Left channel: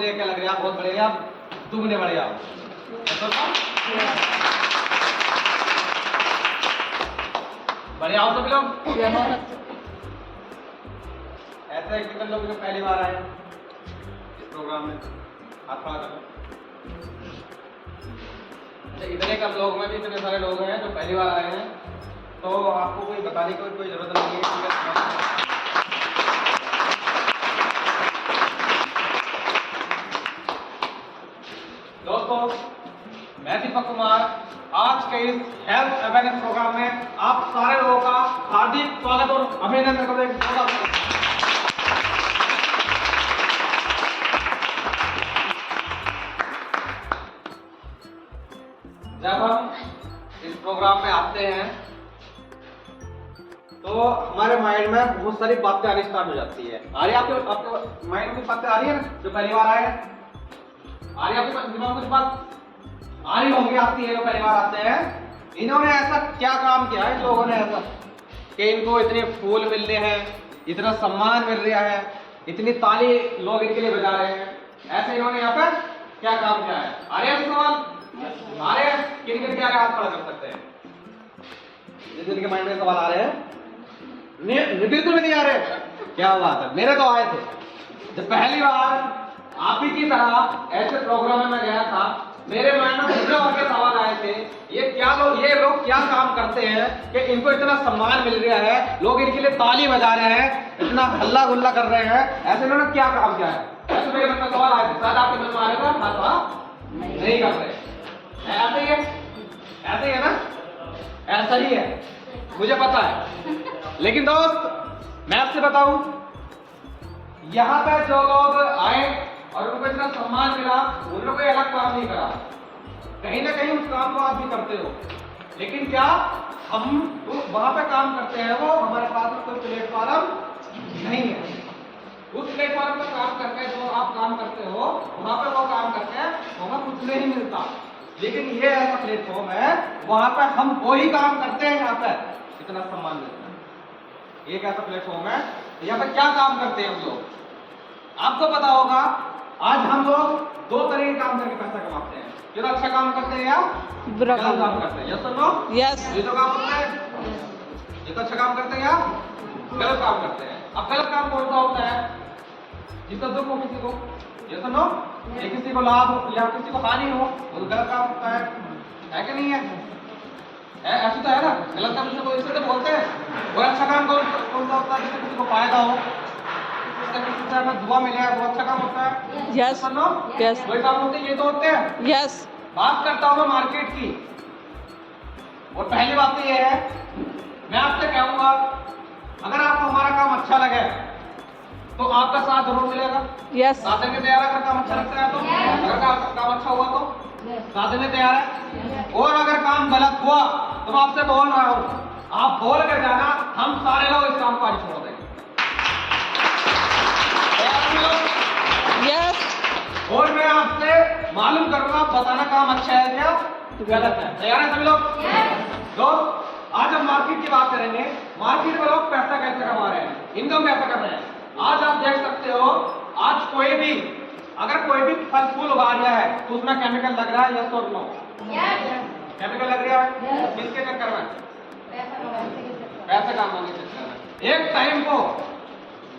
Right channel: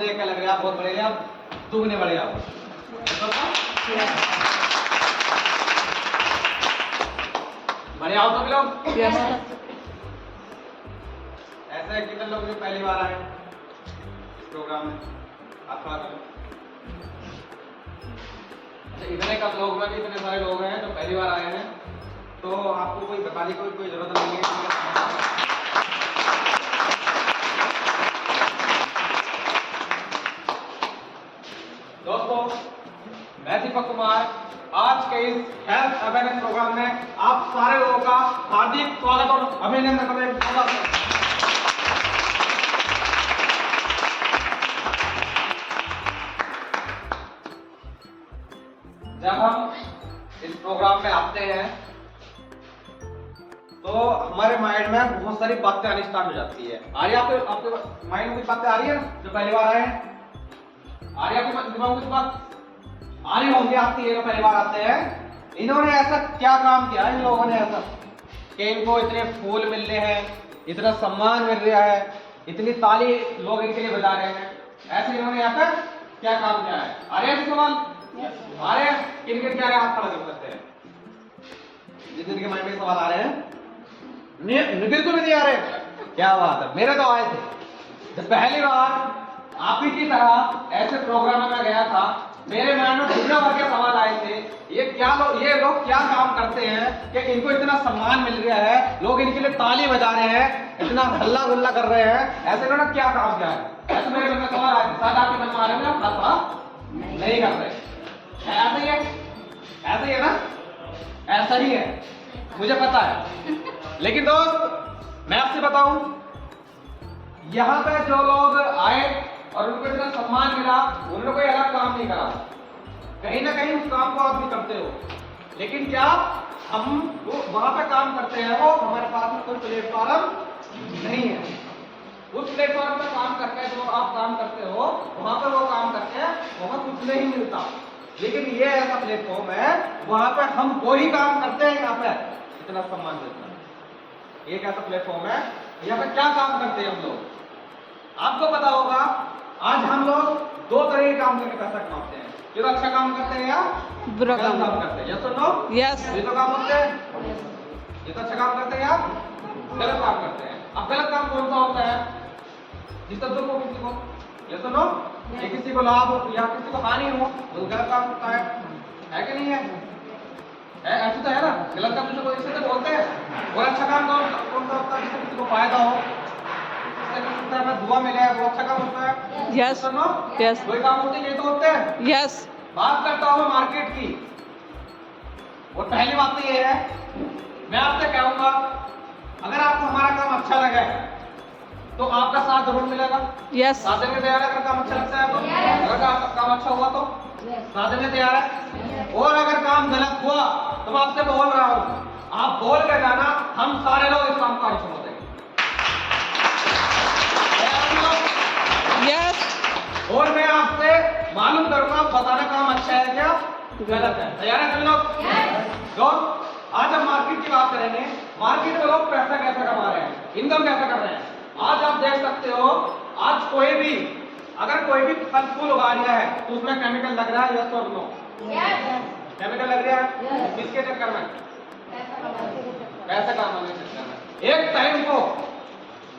देख के लग रहा है बहुत बड़े आप दुगने बड़े आप। बड़े आओ तो लोग ऐसे कितने लोग जो पहली बार आए इस प्रोग्राम में हाथ खड़ा करो। अच्छा इतने कम लोग में भी इतने सारे लोग हैं जो पहली बार आए हैं तो आपको कोई बताने की कोई जरूरत नहीं है। दोस्तों मैं दीपक कुमार आज के इस हेल्थ अवेयरनेस प्रोग्राम में आप सारे लोगों का हार्दिक स्वागत और अभिनंदन करते हैं। जब हम इस प्रोग्राम में आते हैं तो हमारे माइंड में बहुत सारी बातें आनी स्टार्ट हो जाती है। आ रही है आपके माइंड में बातें आ रही है जो पहली बार आए हैं? आ रही है आपके दिमाग में कुछ बात आ रही होंगी आपकी ये जो पहली बार आते हैं। इन्होंने ऐसा क्या काम किया इन लोगों ने ऐसा कि इनको इतने फूल मिल रहे हैं, इतना सम्मान मिल रहा है, इतनी ताली लोग इनके लिए बजा रहे हैं। ऐसे इन्होंने यहाँ पर क्या काम किया है? आ रहे हैं सवाल? आ रहे हैं? किनके क्या हाथ खड़ा कर सकते हैं? जिनके माइंड में सवाल आ रहे हैं निधि तो नहीं आ रहे? क्या बात है, मेरे तो आए थे। जब पहली बार आप ही की तरह ऐसे प्रोग्राम में गया था मेरे माइंड में दूसरे वर्ग के सवाल आए थे। ये लोग क्या काम करते हैं कि इनको इतना सम्मान मिल रहा है, लोग इनके लिए ताली बजा रहे हैं, इतना हल्ला गुल्ला कर रहे हैं, ऐसे इन्होंने क्या काम किया है? ऐसे मेरे मन में सवाल आए थे। शायद आपके मन में आ रहे थे नहीं कर रहे। ऐसा ही है, ऐसा ही है ना? ऐसा ही है मुझे पता है। लेकिन दोस्त मैं आपसे बताऊं यहाँ पे जो लोग आए और उनको इतना सम्मान मिला उन लोगों को अलग काम नहीं करा। कहीं ना कहीं उस काम को आप भी करते हो, लेकिन क्या हम वहां पे काम करते हैं वो हमारे पास में कोई प्लेटफॉर्म नहीं है। उस प्लेटफॉर्म पे काम करके जो आप काम करते हो वहां पे वो काम करते हैं वहां कुछ नहीं मिलता। लेकिन ये ऐसा प्लेटफॉर्म है वहां पर हम वही काम करते हैं, यहाँ पे इतना सम्मान मिलता है। एक ऐसा प्लेटफॉर्म है यहाँ पे क्या काम करते हैं हम लोग आपको पता होगा। आज हम लोग दो तरह के काम करके पैसा कमाते हैं, जो अच्छा काम करते हैं या बुरा काम करते हैं। यस और नो? यस। ये तो काम करते हैं, ये तो अच्छा काम करते हैं या गलत काम करते हैं। अब गलत काम कौन सा होता है? जिसका दुख हो किसी को, यस और नो? ये किसी को लाभ हो या किसी को हानि हो वो गलत काम होता है कि नहीं है? ऐसा तो है ना? गलत काम जिसे इसे तो बोलते हैं। और अच्छा काम कौन सा होता है? जिससे किसी को फायदा हो, हमें दुआ मिले, वो अच्छा काम होता है। Yes no? यस वही काम होते हैं, ये तो होते हैं। यस। बात करता हूँ मैं मार्केट की। और पहली बात तो ये है मैं आपसे कहूंगा अगर आपको हमारा काम अच्छा लगे तो आपका साथ जरूर मिलेगा। यस। साथ देने तैयार है अगर काम अच्छा लगता है तो? अगर काम अच्छा हुआ तो साथ देने तैयार है। और अगर काम गलत हुआ तो मैं आपसे बोल रहा हूँ आप बोल के जाना, हम सारे लोग इस काम को आज छोड़ देंगे। यस। और मैं आपसे मालूम करूंगा बताना काम अच्छा है क्या गलत है। तैयार है सभी लोग? दोस्त आज हम मार्केट की बात करेंगे। मार्केट में लोग पैसा कैसे कमा रहे हैं, इनकम कैसे कर रहे हैं। आज आप देख सकते हो आज कोई भी अगर कोई भी फल फूल उगा रहा है तो उसमें केमिकल लग रहा है, यस और नो? केमिकल लग रहा है किसके चक्कर में? पैसे कमाने के चक्कर में। एक टाइम को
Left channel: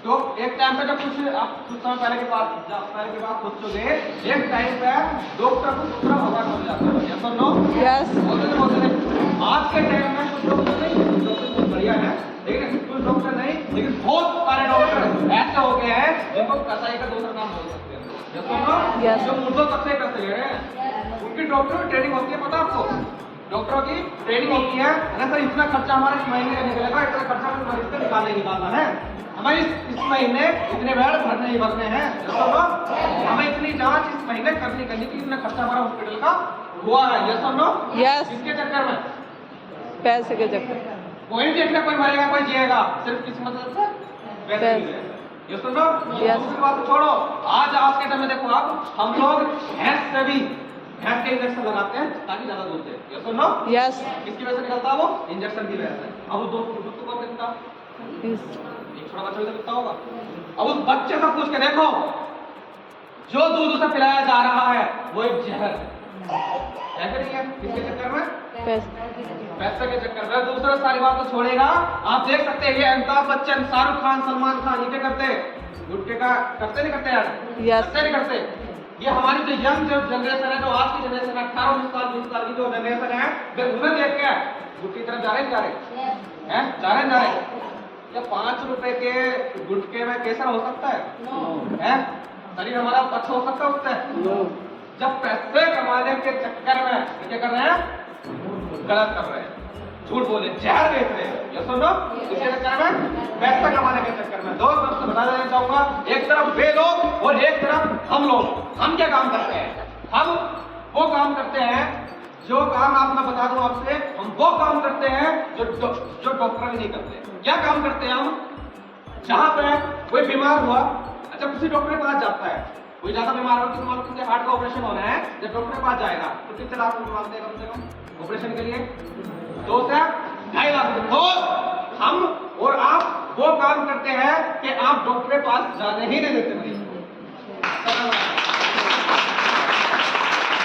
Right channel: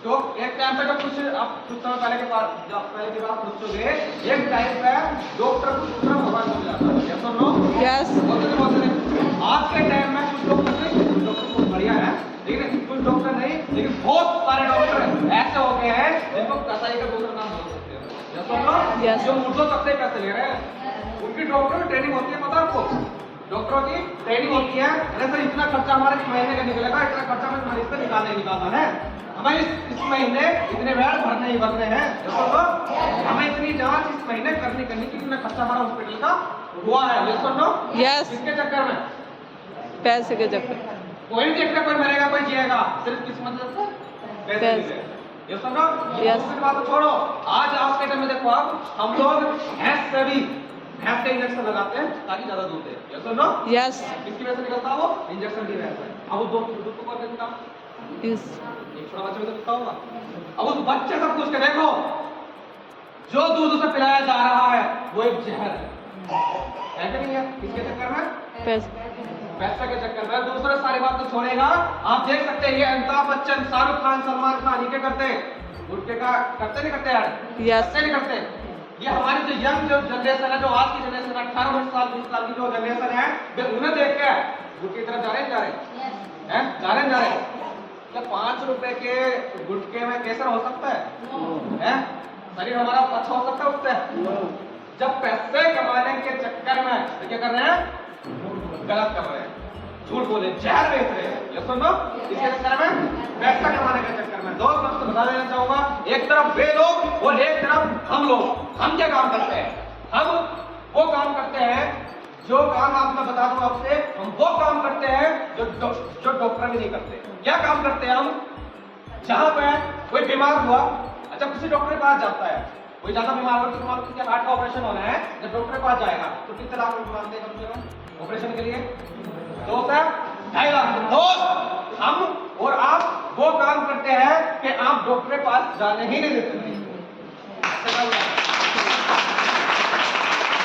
तो एक टाइम पे जब कुछ आप कुछ समय पहले के बाद सोचोगे एक टाइम पे डॉक्टर कुछ दूसरा भगवान बन जाता है, यस और नो? यस। बोलते आज के टाइम में कुछ डॉक्टर कुछ बढ़िया है लेकिन कुछ डॉक्टर नहीं, लेकिन बहुत सारे डॉक्टर ऐसे हो गए हैं जिनको कसाई का दूसरा नाम बोल सकते हैं, यस और नो? Yes. जो मुर्दों तक से पैसे ले रहे हैं उनकी डॉक्टर ट्रेनिंग होती है, पता है आपको? डॉक्टरों की ट्रेनिंग होती है। अरे सर इतना खर्चा हमारे इस महीने का निकलेगा, इतना खर्चा हमें मरीज से निकालना है, हमें इस महीने इतने बेड भरने ही भरने हैं, हमें इतनी जांच इस महीने करनी की इतना खर्चा हमारा हॉस्पिटल का हुआ है, यस और नो? यस। इसके चक्कर में पैसे के चक्कर कोई नहीं देखना कोई मरेगा कोई जिएगा, सिर्फ किस्मत से पैसे मिले, यस और नो? यस। दूसरी बात छोड़ो, आज के टाइम में देखो आप हम लोग भैंस से भी भैंस के इंजेक्शन लगाते हैं ताकि ज्यादा दूध दे, यस और नो? यस। किसकी वजह से निकलता है वो इंजेक्शन की वजह से। अब उस दूध को कौन देता? एक छोटा बच्चा भी तो देता होगा। अब उस बच्चे से पूछ के देखो जो दूध पिलाया जा रहा है वो एक जहर है कि नहीं है? किसके चक्कर में? पैसे के चक्कर में। दूसरा सारी बात तो छोड़ेगा। आप देख सकते हैं ये अमिताभ बच्चन, शाहरुख खान, सलमान खान, ये क्या करते हैं? गुटखे का करते नहीं करते यार? करते नहीं करते? ये हमारी जो यंग जो जनरेशन है, जो आज की जनरेशन है, 18 साल 20 साल की जो जनरेशन है, वे उन्हें देख के गुटखे की तरफ जा रहे हैं? जा रहे हैं? तो 5 रुपए के गुटखे में केसर हो सकता है? शरीर हमारा अच्छा हो सकता है उससे? जब पैसे कमाने के चक्कर में क्या कर रहे हैं? गलत कर रहे हैं, झूठ बोले, जहर बेच रहे हैं। ये सुनो, इसके चक्कर में, पैसा कमाने के चक्कर में। दोस्त मैं बता देना चाहूंगा, एक तरफ वे लोग और एक तरफ हम लोग। हम क्या काम करते हैं? हम वो काम करते हैं जो काम आप मैं बता दूं आपसे, हम वो काम करते हैं जो डॉक्टर भी नहीं करते। क्या काम करते हैं हम? जहां पे कोई बीमार हुआ, अच्छा किसी डॉक्टर के पास जाता है, कोई ज्यादा बीमार हो, किसी हार्ट का ऑपरेशन होना है, जब डॉक्टर के पास जाएगा तो कितने लाख रुपए मांगते हैं ऑपरेशन के लिए? 2 से 2.5 लाख। तो हम और आप वो काम करते हैं कि आप डॉक्टर के पास जाने ही नहीं देते भाई।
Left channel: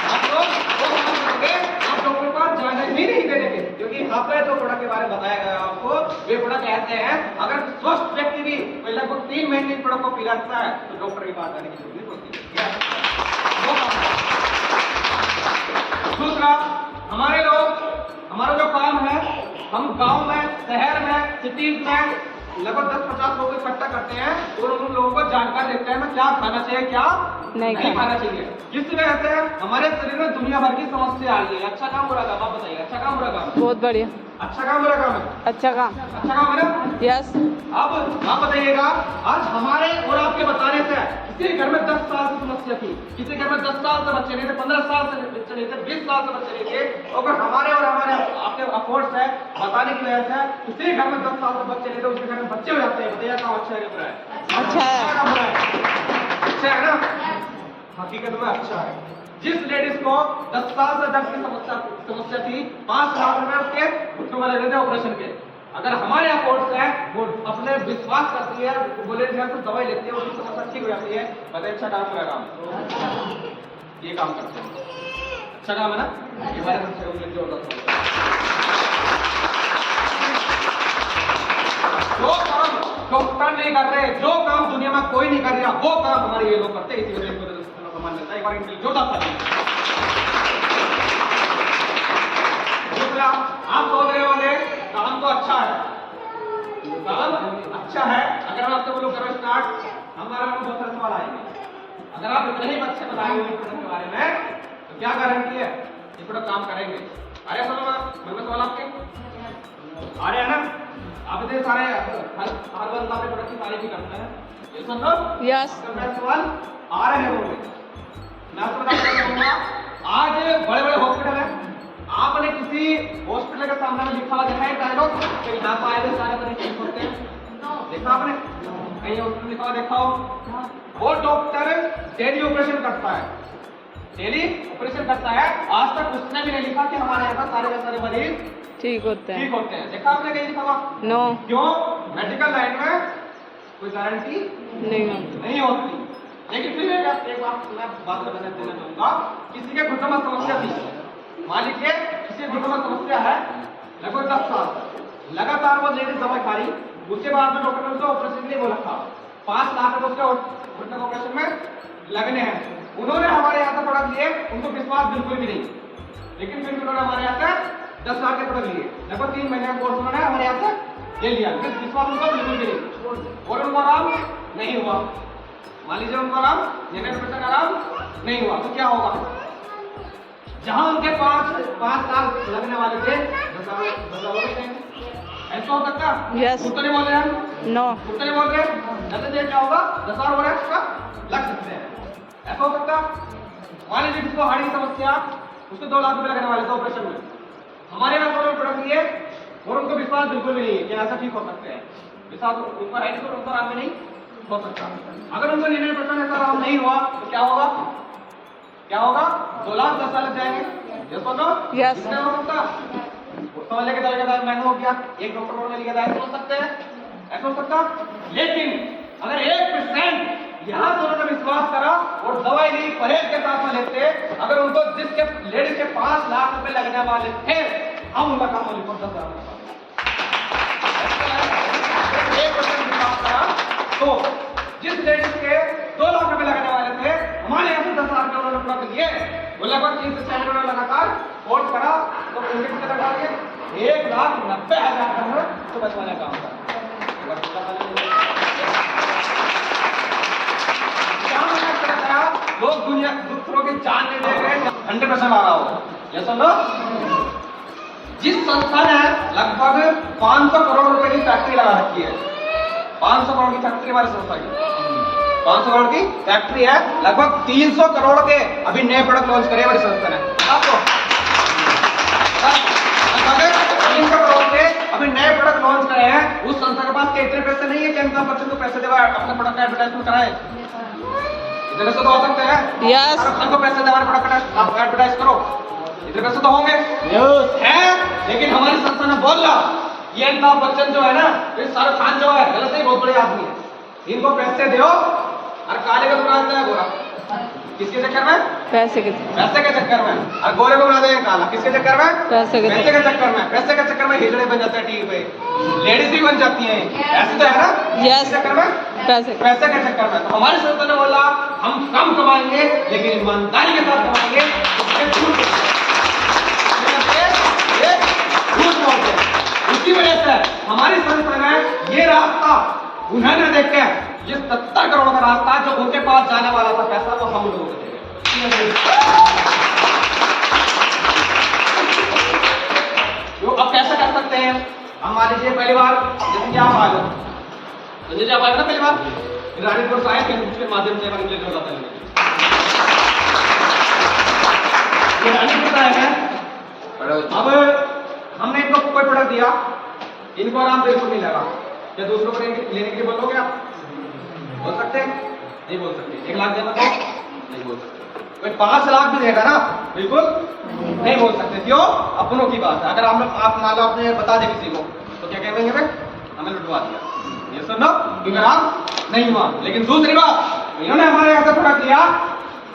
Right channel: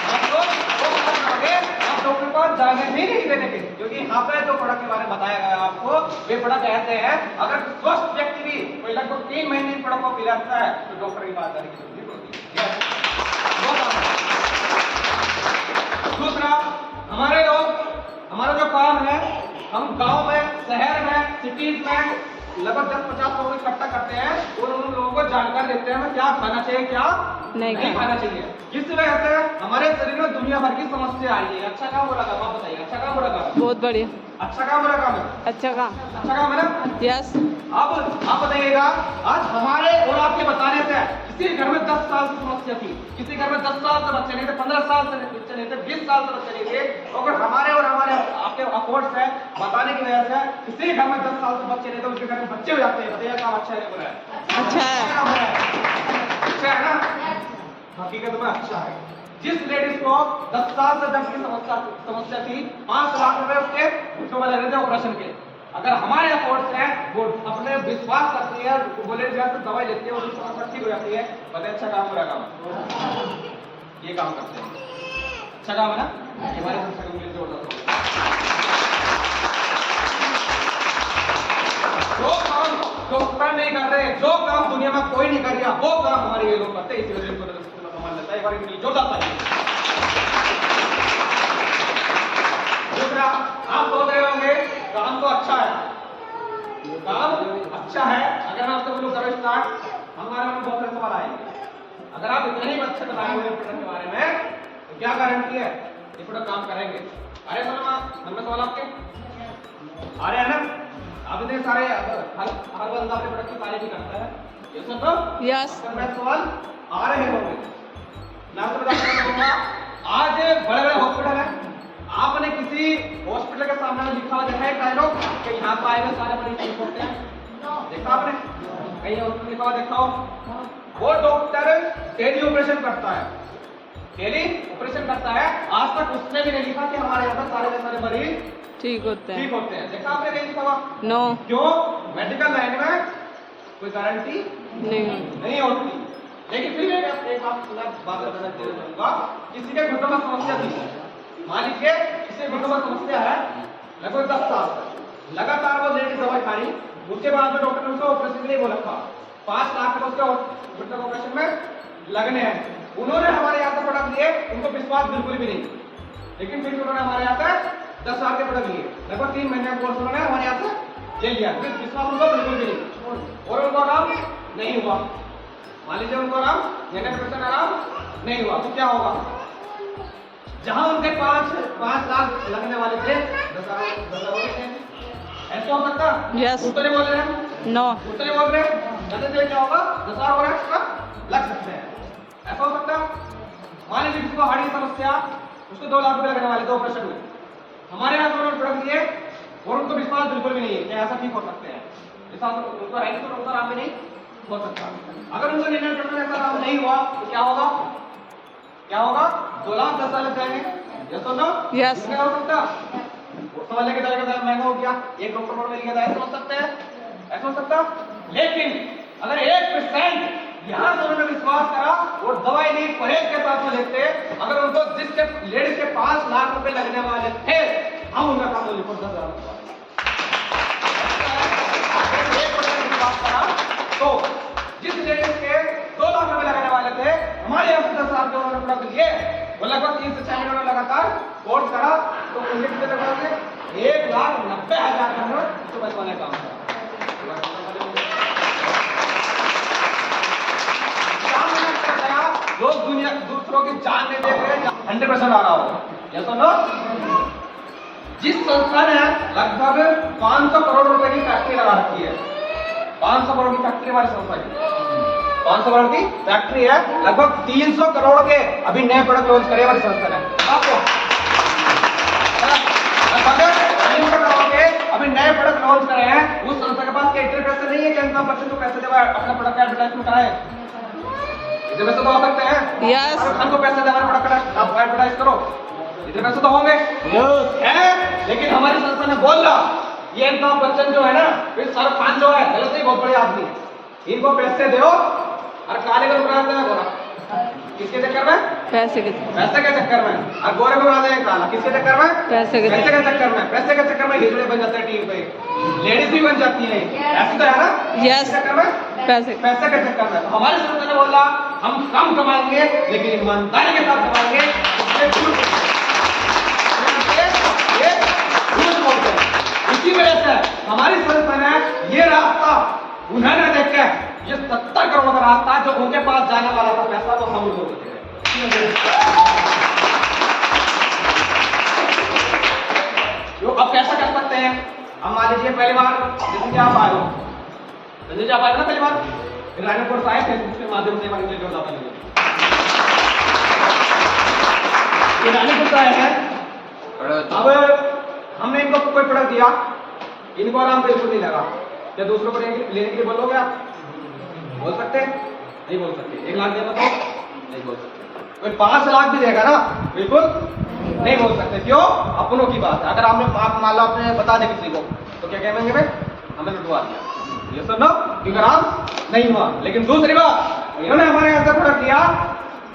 आप डॉक्टर के पास जाने ही नहीं देंगे, क्योंकि यहाँ पे जो प्रोडक्ट के बारे में बताया गया आपको, वे प्रोडक्ट ऐसे हैं, अगर स्वस्थ व्यक्ति भी लगभग 3 महीने प्रोडक्ट को पिलाता है तो डॉक्टर के पास जाने की जरूरत नहीं पड़ती। दूसरा, हमारे लोग, हमारा जो काम है, हम गांव में, शहर में, सिटीज में लगभग 10-50 लोग इकट्ठा करते हैं और उन लोगों को जानकारी देते हैं क्या खाना चाहिए, क्या नहीं खाना चाहिए। जिस वजह से हमारे शरीर में दुनिया भर की समस्या आ रही है। अच्छा काम बुरा काम? आप बताइए, अच्छा काम बुरा काम? बहुत बढ़िया। अच्छा काम बुरा काम? अच्छा काम। अच्छा काम है ना? यस। अब आप बताइएगा, आज हमारे और आपके बताने से किसी घर में 10 साल की समस्या थी, किसी घर में 10 साल से बच्चे नहीं थे, 15 साल से बच्चे नहीं थे, 20 साल से बच्चे नहीं थे, अगर हमारे और हमारे आपके अफोर्ड से बताने की वजह से किसी घर में 10 साल से बच्चे नहीं थे, उसके घर में बच्चे हो जाते हैं। बताइए काम अच्छा है बुरा है? अच्छा है। अच्छा है ना? हकीकत में अच्छा है। जिस लेडीज को 10 साल से दर्द की समस्या थी, 5 लाख रुपए उसके घुटनों में लगे थे ऑपरेशन के, अगर हमारे यहाँ कोर्स है वो अपने विश्वास करती है, बोले तो दवाई लेती है, वो समस्या ठीक हो जाती है। बताइए अच्छा काम बुरा काम? ये काम करते हैं, अच्छा काम है ना? ये हमारे सबसे कम्युनिटी होता है। जो काम डॉक्टर नहीं कर रहे, जो काम दुनिया में कोई नहीं कर रहा, वो काम हमारे ये लोग करते हैं। इसी वजह से कमान लेता है। एक बार इनकी जोरदार ताली। दूसरा, आप बोल रहे होंगे काम तो अच्छा है, काम अच्छा है। अगर मैं आपसे बोलूं करो स्टार्ट, हमारे में बहुत सारे सवाल आएंगे। अगर आप इतने ही अच्छे बताए हुए प्रोडक्ट के बारे में, तो क्या गारंटी है ये प्रोडक्ट काम करेंगे? अरे समझ में सवाल आपके आ रहे हैं ना? आप इतने सारे हर बंदा अपने प्रोडक्ट की तारीफ ही करता है, ये सुन लो। यस। मेरे सवाल आ रहे हैं लोग, मैं आपको बताना चाहूंगा। आज बड़े बड़े हॉस्पिटल है, आपने किसी हॉस्पिटल के सामने लिखा हुआ देखा है डायलॉग कि यहाँ पर आए हुए सारे मरीज ठीक होते हैं? देखा आपने? कहीं हॉस्पिटल लिखा हुआ देखा हो? वो डॉक्टर डेली ऑपरेशन करता है, डेली ऑपरेशन करता है। आज तक उसने भी नहीं लिखा कि हमारे यहाँ पर सारे के सारे मरीज ठीक होते हैं। देखा आपने कहीं लिखा हुआ? नो। क्यों? मेडिकल लाइन में कोई गारंटी नहीं होती। लेकिन फिर मैं एक बात देना चाहूंगा, किसी के घुटनों में समस्या थी, मान लीजिए किसी के घुटनों में समस्या है, लगभग 10 साल लगातार वो लेडीज दवाई खा रही, उसके बाद में डॉक्टर ने उसको ऑपरेशन के लिए बोला था, 5 लाख रुपए उसके घुटनों ऑपरेशन में लगने हैं। उन्होंने हमारे यहाँ से प्रोडक्ट लिए, उनको विश्वास बिल्कुल भी नहीं, लेकिन फिर उन्होंने हमारे यहाँ से 10 लाख के प्रोडक्ट लिए, लगभग 3 महीने का कोर्स उन्होंने हमारे यहाँ से ले लिया, लेकिन विश्वास उनको बिल्कुल भी नहीं, और उनको आराम नहीं हुआ। मान लीजिए उनको आराम, आराम नहीं हुआ, तो क्या होगा? जहां उनके 5 लाख लगने वाले थे, 10 ऐसा हो सकता? यस। नहीं बोल रहे हैं? नो। नहीं बोल रहे हैं? क्या होगा? 10 और एक्स्ट्रा लग सकते हैं, ऐसा हो सकता? मान लीजिए जिसको हार्ट की समस्या, उसको 2 लाख रुपए लगने वाले थे ऑपरेशन में, हमारे यहाँ प्रोडक्ट लिए और उनको विश्वास बिल्कुल भी नहीं है कि ऐसा ठीक हो सकते हैं। विश्वास उनको है तो उनका आराम नहीं हो सकता। अगर उनको 99% ऐसा आराम नहीं हुआ तो क्या होगा? 2 लाख 10 साल लग जाएंगे। ये तो नो? यस। क्या हो सकता? समझने के तरीके से महंगा हो गया, एक डॉक्टर ने लिया था, ऐसा हो सकते हैं? ऐसा हो सकता? लेकिन अगर 1% यहाँ से उन्होंने विश्वास करा और दवाई ली, परहेज के साथ में लेते, अगर उनको जिसके लेडीज के 5 लाख रुपए लगने वाले थे, हम उनका काम लिखो 10,000 तो जिस लेडीज के 2 लाख रुपए लगाने वाले थे, हमारे यहाँ से 10,000 के उन्होंने रख दिए, वो लगभग 3 से 4 महीनों में लगातार कोर्स करा, तो उनके कितने लगा दिए 1,90,000 का तो बचवाने का काम करा। लोग दुनिया दूसरों की जान नहीं दे रहे, 100% आ रहा होगा। ये सुनो, जिस संस्था ने लगभग 500 करोड़ रुपए की फैक्ट्री लगा रखी है, 500 करोड़ की फैक्ट्री हमारी संस्था की, 500 करोड़ की फैक्ट्री है, लगभग 300 करोड़ के अभी नए प्रोडक्ट लॉन्च करे हमारी संस्था ने। आपको 300 करोड़ के अभी नए प्रोडक्ट लॉन्च करे हैं, उस संस्था के पास इतने पैसे नहीं है कि अंतिम पर्सन को पैसे देगा अपने प्रोडक्ट का एडवर्टाइजमेंट कराए। इतने पैसे तो हो सकते हैं, यस, हमको पैसे दे हमारे प्रोडक्ट आप एडवर्टाइज करो, इतने पैसे तो होंगे है। लेकिन हमारी संस्था ने बोल रहा, ये अमिताभ बच्चन जो है ना, ये शाहरुख खान जो है, गलत नहीं, बहुत बड़े आदमी है, इनको पैसे दो और काले को बुला देना गोरा। किसके चक्कर में? पैसे के चक्कर में। और गोरे को बुला देंगे काला, किसके चक्कर में? पैसे के चक्कर में। पैसे के चक्कर में हिजड़े बन जाते हैं टीवी पे, लेडीज भी बन जाती हैं, ऐसे तो है ना। यस, चक्कर में पैसे के चक्कर में। तो हमारी संस्था ने बोला हम कम कमाएंगे लेकिन ईमानदारी के साथ कमाएंगे, इसी वजह से हमारी संस्था ने ये रास्ता उन्होंने देखा, ये 70 करोड़ का रास्ता जो उनके पास जाने वाला था पैसा, वो हम लोगों को अब कैसे कर सकते हैं? हम मान लीजिए पहली बार जैसे कि आप आ गए, जैसे आप आए ना पहली बार रानीपुर से आए, फेसबुक के माध्यम से इंग्लिश में बताते हैं, रानीपुर से आए हैं। अब हमने इनको कोई प्रोडक्ट दिया, इनको आराम बिल्कुल नहीं लगा, क्या दूसरों को लेने के लिए बोलोगे आप? बोल सकते हैं? नहीं बोल सकते। 1 लाख देना तो नहीं बोल सकते। कोई 5 लाख भी देगा ना, बिल्कुल नहीं बोल सकते। क्यों? अपनों की बात है। अगर आप मान लो आपने बता दें किसी को, तो क्या कहेंगे भाई हमें लुटवा दिया, ये सुनो, क्योंकि आप नहीं हुआ। लेकिन दूसरी बात, इन्होंने हमारे यहाँ से प्रोडक्ट दिया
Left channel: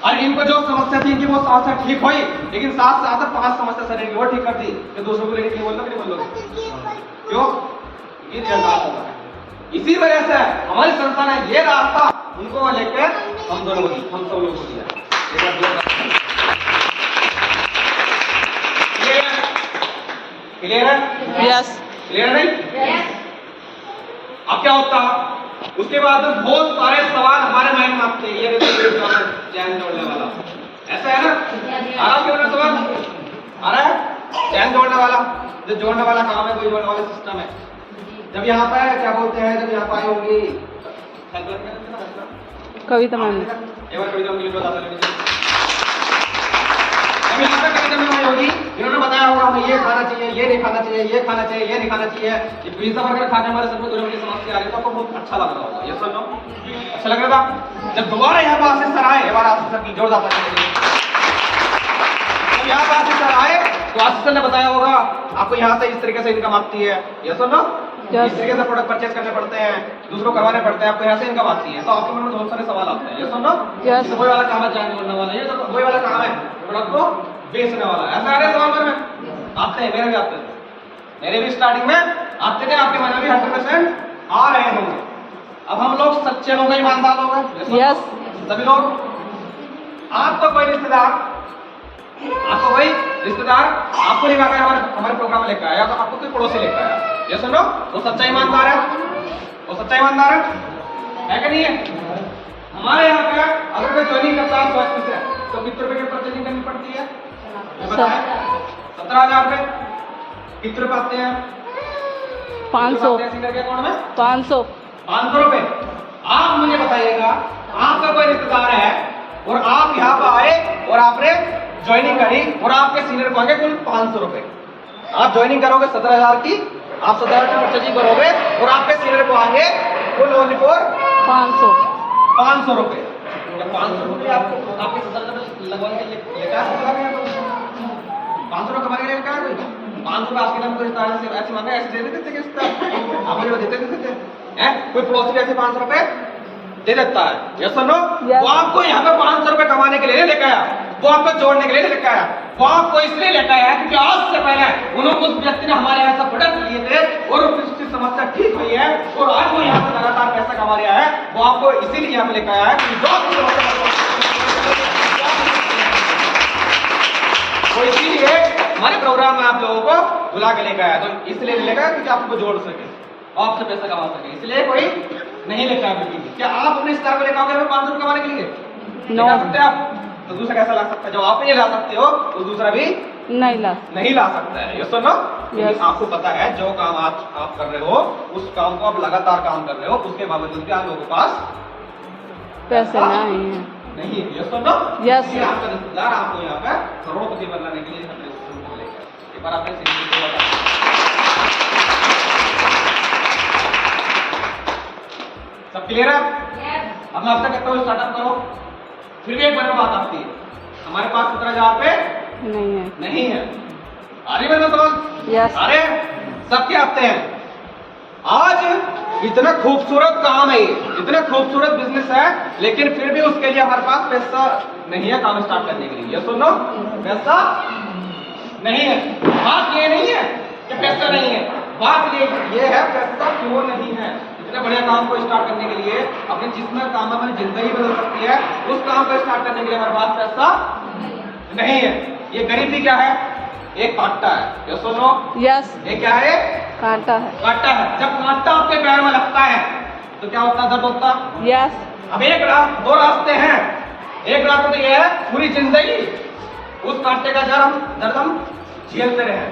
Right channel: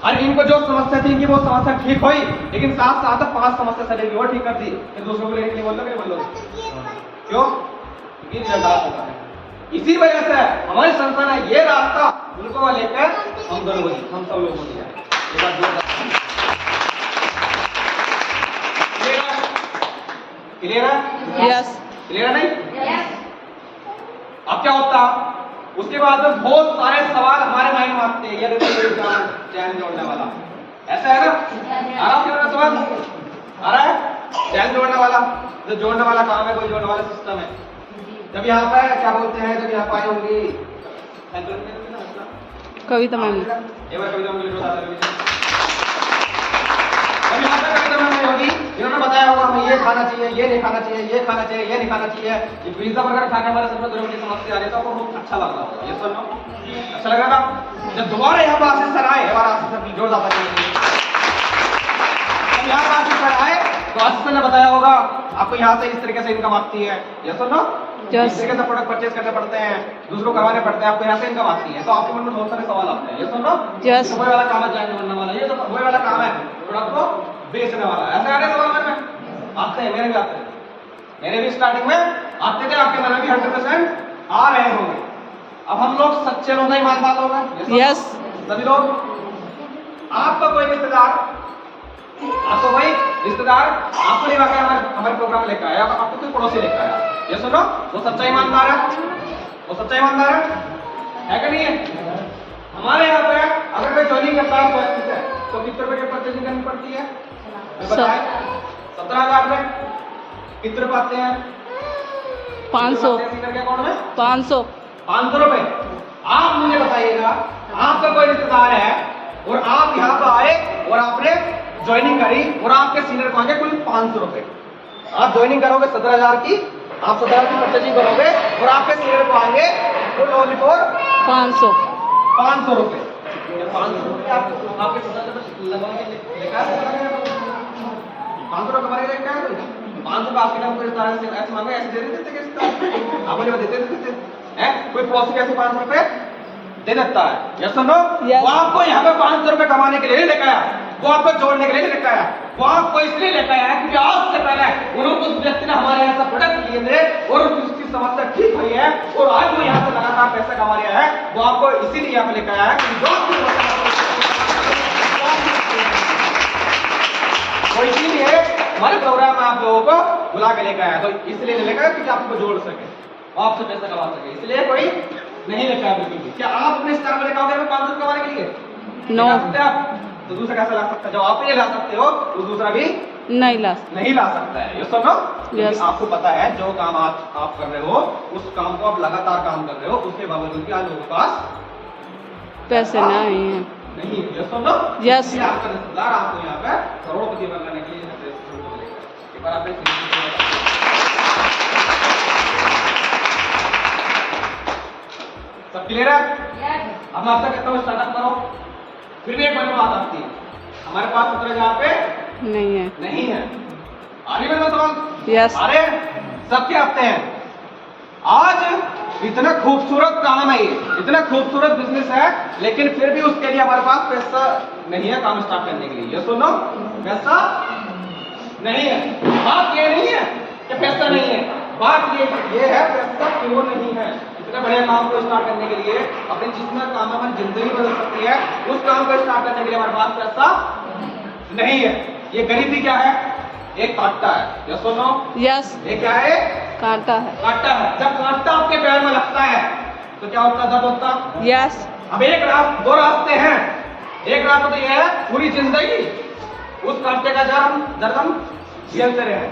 और इनको जो समस्या थी इनकी वो समस्या ठीक हुई, लेकिन साथ साथ 5 समस्या शरीर की वो ठीक कर दी। ये दूसरों को लेने के लिए बोलो, क्यों? होता है। इसी वजह से हमारी संस्था ने ये रास्ता उनको लेकर हम दोनों को, हम सब लोगों को दिया। क्लियर है? यस, क्लियर नहीं? अब क्या होता, उसके बाद बहुत सारे सवाल हमारे माइंड में आते हैं, ये चैन जोड़ने वाला, ऐसा है ना? आ रहा है सवाल? आ रहा है? चैन जोड़ने वाला, जो जोड़ने वाला काम है, कोई जोड़ने वाला सिस्टम है। जब यहाँ पे क्या बोलते हैं, जब यहाँ पे आई होंगी कविता मैम, एक बार कविता मैम बता देंगे। जब यहाँ पे कविता मैम होगी, इन्होंने बताया होगा हमें ये खाना चाहिए, ये नहीं खाना चाहिए, ये खाना चाहिए, ये नहीं खाना चाहिए। ये पिज्जा बर्गर खा के हमारे सर में दुर्गंध की समस्या आ रही है, तो आपको बहुत अच्छा लग रहा होगा, ये सुनो, अच्छा लग रहा था। जब दोबारा यहाँ पे आशीष सर आए, हमारा आशीष सर की जोर जाता है, यहाँ पे आशीष सर आए तो आशीष सर ने बताया होगा आपको यहाँ से इस तरीके से इनकम आती है, ये सुनो, इस तरीके से प्रोडक्ट परचेज करने पड़ते हैं, दूसरों करवाने पड़ते हैं, आपको यहाँ से इनकम आती है। तो आपके मन में बहुत सारे सवाल आते हैं, ये सुनो, वही वाला काम है, जानने बनने वाला, ये तो वही वाला काम है, प्रोडक्ट को बेचने वाला, ऐसा आ रहा है सवाल में आते हैं, मेरे भी आते हैं, मेरे भी स्टार्टिंग में आते थे, आपके मन में भी 100% आ रहे होंगे। अब हम लोग सच्चे लोग, ईमानदार लोग हैं, यस, सभी लोग। आपका कोई रिश्तेदार, आपको कोई रिश्तेदार आपको लेकर आया, हमारे प्रोग्राम में लेकर आया, आपको कोई पड़ोसी लेकर आया, ये सुनो, वो सच्चा ईमानदार है, वो सच्चा ईमानदार है कि नहीं है? हमारे यहाँ पे अगर कोई ज्वाइनिंग करता है स्वास्थ्य से, तो कितने रुपए की परचेजिंग करनी पड़ती है? 17,000 रुपए। कितने रुपए आते हैं? 500 के अकाउंट में 500 रुपए। आप मुझे बताइएगा, आपका कोई रिश्तेदार है और आप यहाँ पे आए और आपने ज्वाइनिंग करी और आपके सीनियर मांगे कुल 500 रुपए। आप ज्वाइनिंग करोगे 17,000 की, आप 17,000 की परचेजिंग करोगे और आपके सीनियर को आएंगे कुल ओनली फॉर 500 रुपए। 500 रुपए आपको आपके 17,000 लगवाने के लिए क्या 500 रुपए कमाने के लिए क्या है? कोई 500 रुपए आज के टाइम कोई ऐसे मांगे, ऐसे दे देते थे, आप मुझे देते हैं? कोई पड़ोसी ऐसे 500 रुपए दे देता है। यस और नो? Yes. वो आपको यहाँ पे 500 रुपए कमाने के लिए नहीं लेकर आया, वो आपको जोड़ने के लिए नहीं लेकर आया, वो आपको इसलिए लेकर आया क्योंकि आज से पहले उन्होंने उस व्यक्ति ने हमारे यहाँ से प्रोडक्ट लिए थे और उसकी समस्या ठीक हुई है और आज वो यहाँ से लगातार पैसा कमा रहा है। वो आपको इसीलिए यहाँ पे लेकर आया है कि जो आपकी समस्या तो इसीलिए हमारे प्रोग्राम में आप लोगों को बुला के लेकर आया, तो इसलिए नहीं लेकर आया कि आपको जोड़ सके, आपसे पैसा कमा सके, इसलिए कोई नहीं लेकर आया बिल्कुल भी। क्या आप अपने स्तर पर लेकर आओगे 500 कमाने के लिए? नो। ला सकते हैं आप? तो दूसरा कैसा ला सकता है? जब आप नहीं ला सकते हो तो दूसरा भी नहीं ला नहीं ला सकता है। यस और नो? Yes. आपको पता है जो काम आज आप कर रहे हो उस काम को आप लगातार काम कर रहे हो, उसके बावजूद भी आज लोगों के पास पैसे नहीं है। नहीं। यस और नो? Yes. इसलिए आपका रिश्तेदार आपको यहाँ पे करोड़पति बनने के लिए यहाँ पे रेस्टोरेंट को लेकर एक बार आपने सब क्लियर है? अब मैं आपसे कहता हूँ स्टार्टअप करो, फिर भी एक बड़ी बात आती है, हमारे पास 17,000 पे नहीं है। नहीं है। आ रही है समझ? यस। अरे सबके आते हैं। आज इतना खूबसूरत काम है ये, इतना खूबसूरत बिजनेस है, लेकिन फिर भी उसके लिए हमारे पास पैसा नहीं है काम स्टार्ट करने के लिए। ये सुनो, पैसा नहीं है। बात ये नहीं है कि पैसा नहीं है, बात ये है पैसा क्यों नहीं है। इतने बढ़िया काम को स्टार्ट करने के लिए, अपने जिसमें काम में हमारी जिंदगी बदल सकती है, उस काम को स्टार्ट करने के लिए हमारे पास पैसा नहीं है। ये गरीबी क्या है? एक कांटा है। ये सुनो, यस। ये क्या है? कांटा है। कांटा है। जब कांटा आपके पैर में लगता है तो क्या होता है? दर्द होता। यस। अब दो रास्ते हैं। एक रास्ता तो ये है पूरी जिंदगी उस कांटे का दर्द हम झेलते रहे,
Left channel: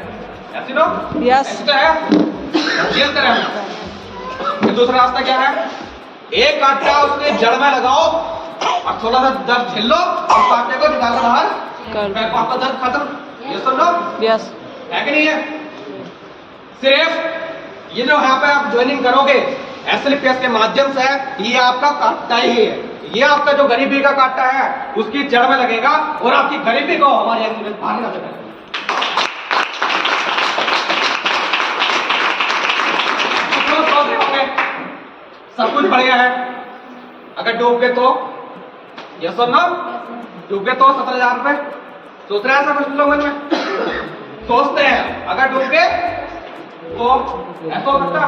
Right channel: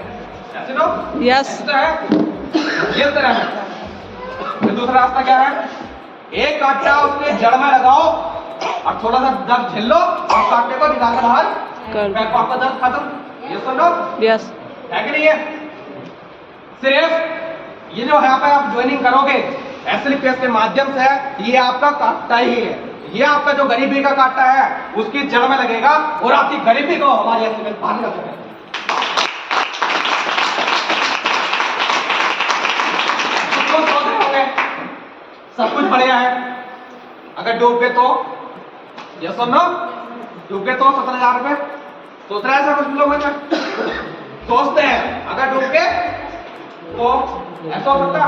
ऐसे नो? यस। ऐसा है, झेलते रहे। फिर दूसरा रास्ता क्या है? एक कांटा उसके जड़ में लगाओ और थोड़ा सा दर्द झेल लो और कांटे को निकाल कर बाहर फेंको, आपका दर्द खत्म। ये सुन लो, यस। है कि नहीं है? सिर्फ ये जो यहाँ पे आप ज्वाइनिंग करोगे एसएलपीएस के माध्यम से, ये आपका कांटा ही है। ये आपका जो गरीबी का कांटा है उसकी जड़ में लगेगा और आपकी गरीबी को हमारे एसएलपीएस भाग ना सके। सब कुछ बढ़िया है, अगर डूब गए तो ये सुनो, डूब गए तो 17,000 रुपए सोच रहे हैं ऐसा कुछ लोग सोचते हैं, अगर डूब गए तो ऐसा हो सकता।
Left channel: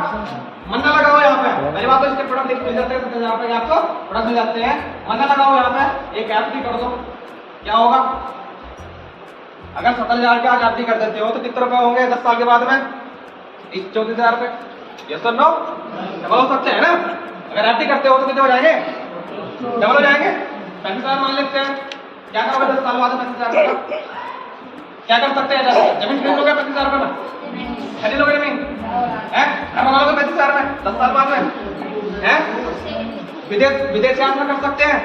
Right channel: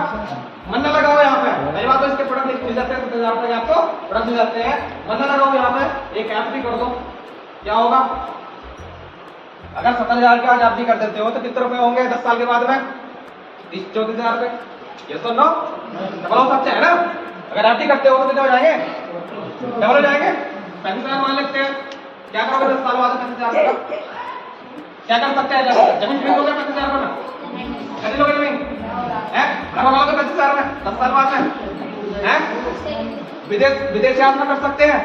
मन ना लगाओ यहाँ पे, पहली बात तो इसके प्रोडक्ट मिल जाते हैं 17,000 रुपए के, आपको प्रोडक्ट मिल जाते हैं। मन ना लगाओ यहाँ पे, एक ऐप भी कर दो, क्या होगा? अगर 17,000 के आज एफ कर देते हो तो कितने रुपए होंगे 10 साल के बाद में? 34,000 रुपए। यस और नो? डबल हो सकते हैं ना? अगर एफ करते हो तो कितने हो जाएंगे? डबल हो जाएंगे। 35,000 मान लेते हैं। क्या करोगे 10 साल बाद 35,000 रुपए? क्या कर सकते हैं? जमीन खरीद लोगे 35,000 रुपए में? खरीद लोगे जमीन? है? घर वालों को 35,000 में 10 साल बाद में? है? विदेश यात्रा कर सकते हैं?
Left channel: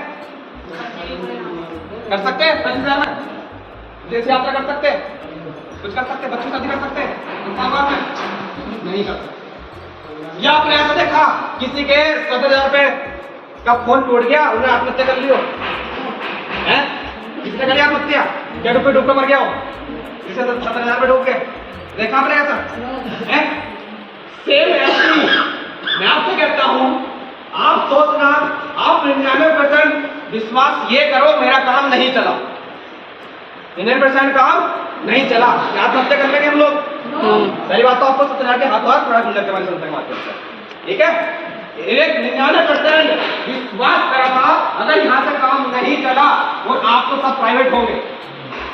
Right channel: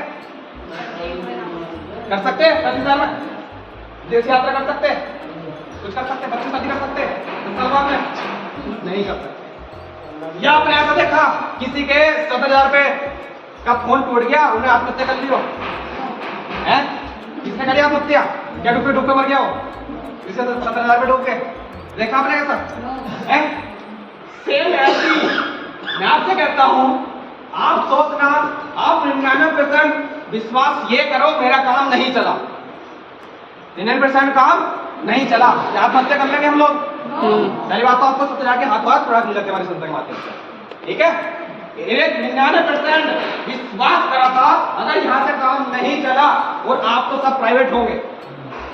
कर सकते हैं 35,000 में? विदेश यात्रा कर सकते हैं? कुछ कर सकते हैं? बच्चे शादी कर सकते हैं 10 साल बाद में? नहीं कर सकते। या आपने ऐसा देखा किसी के 17,000 रुपए का फोन टूट गया, उन्हें आत्महत्या कर लियो? हैं? किसने करी आत्महत्या? क्या डूब मर गया हो? इसे 17,000 रुपए डूब गए, देखा आपने ऐसा? हैं? सेम ऐसी मैं आपसे कहता हूं, आप सोचना, आप 99% विश्वास ये करो मेरा काम नहीं चला, 99% काम नहीं चला, क्या आत्महत्या कर लेंगे हम लोग? पहली बात तो आपको 17,000 के हाथों हाथ प्रोडक्ट मिल जाते हमारे संस्था के माध्यम से, ठीक है? एक 99% विश्वास करा था, अगर यहाँ से काम नहीं चला और आप तो सब प्राइवेट होंगे।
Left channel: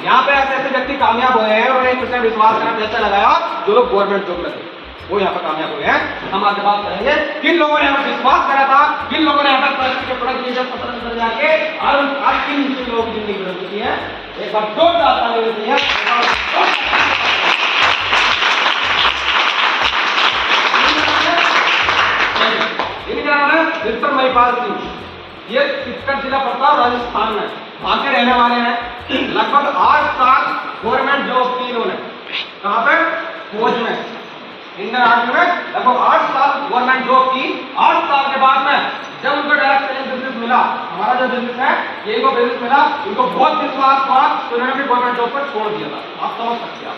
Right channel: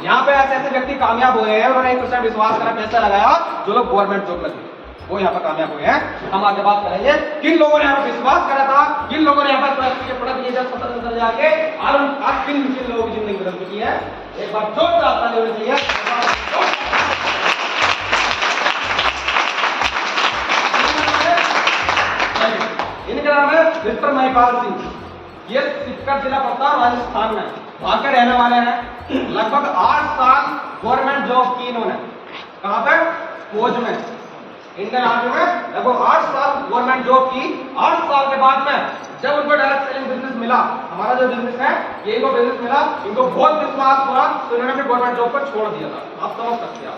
यहाँ पे ऐसे ऐसे व्यक्ति कामयाब हुए हैं, उन्होंने 1% विश्वास करा, पैसा लगाया, जो लोग गवर्नमेंट जॉब करते वो यहाँ पर कामयाब हुए हैं। हम आज बात करेंगे किन लोगों ने यहाँ पर विश्वास करा था, किन लोगों ने यहाँ पर प्रोडक्ट लिए 17,000 जाके, और आज किन लोगों की जिंदगी बदल चुकी है। एक बार जोरदार तालियां दीजिए। इनका नाम है मिस्टर महिपाल सिंह, ये सिक्कर जिला पड़ता है राजस्थान में, वहां के रहने वाले हैं। लगभग 8 साल गवर्नमेंट जॉब की इन्होंने, कहाँ पे? फौज में, इंडियन आर्मी में लगभग 8 साल गवर्नमेंट जॉब की। 8 साल के बाद में जब उनको डायरेक्ट सेलिंग बिजनेस मिला, हमारा जो बिजनेस है ये इनको बिजनेस मिला, इनको बहुत विश्वास हुआ तो इन्होंने गवर्नमेंट जॉब पर छोड़ दिया था। आप समझ सकते हैं।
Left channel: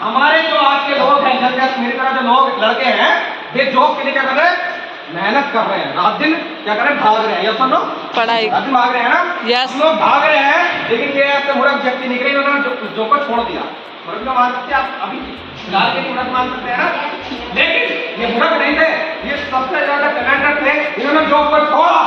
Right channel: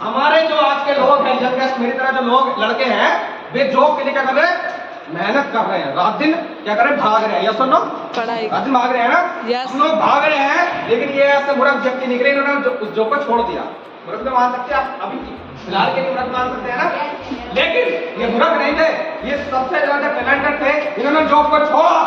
हमारे जो आज के लोग हैं, जब मेरी तरह जो लोग लड़के हैं, वे जॉब के लिए क्या कर रहे हैं? मेहनत कर रहे हैं, रात दिन क्या कर रहे हैं, भाग रहे हैं। यस और नो? पढ़ाई। रात दिन भाग रहे हैं ना? यस। हम लोग भाग रहे हैं, लेकिन ये ऐसे मूर्ख व्यक्ति निकले, इन्होंने जो को छोड़ दिया। मूर्ख तो मान सकते हैं आप, अभी फिलहाल के लिए मूर्ख मान सकते हैं ना, लेकिन ये मूर्ख नहीं थे, ये सबसे ज्यादा टैलेंटेड थे। इन्होंने जॉब को छोड़ा,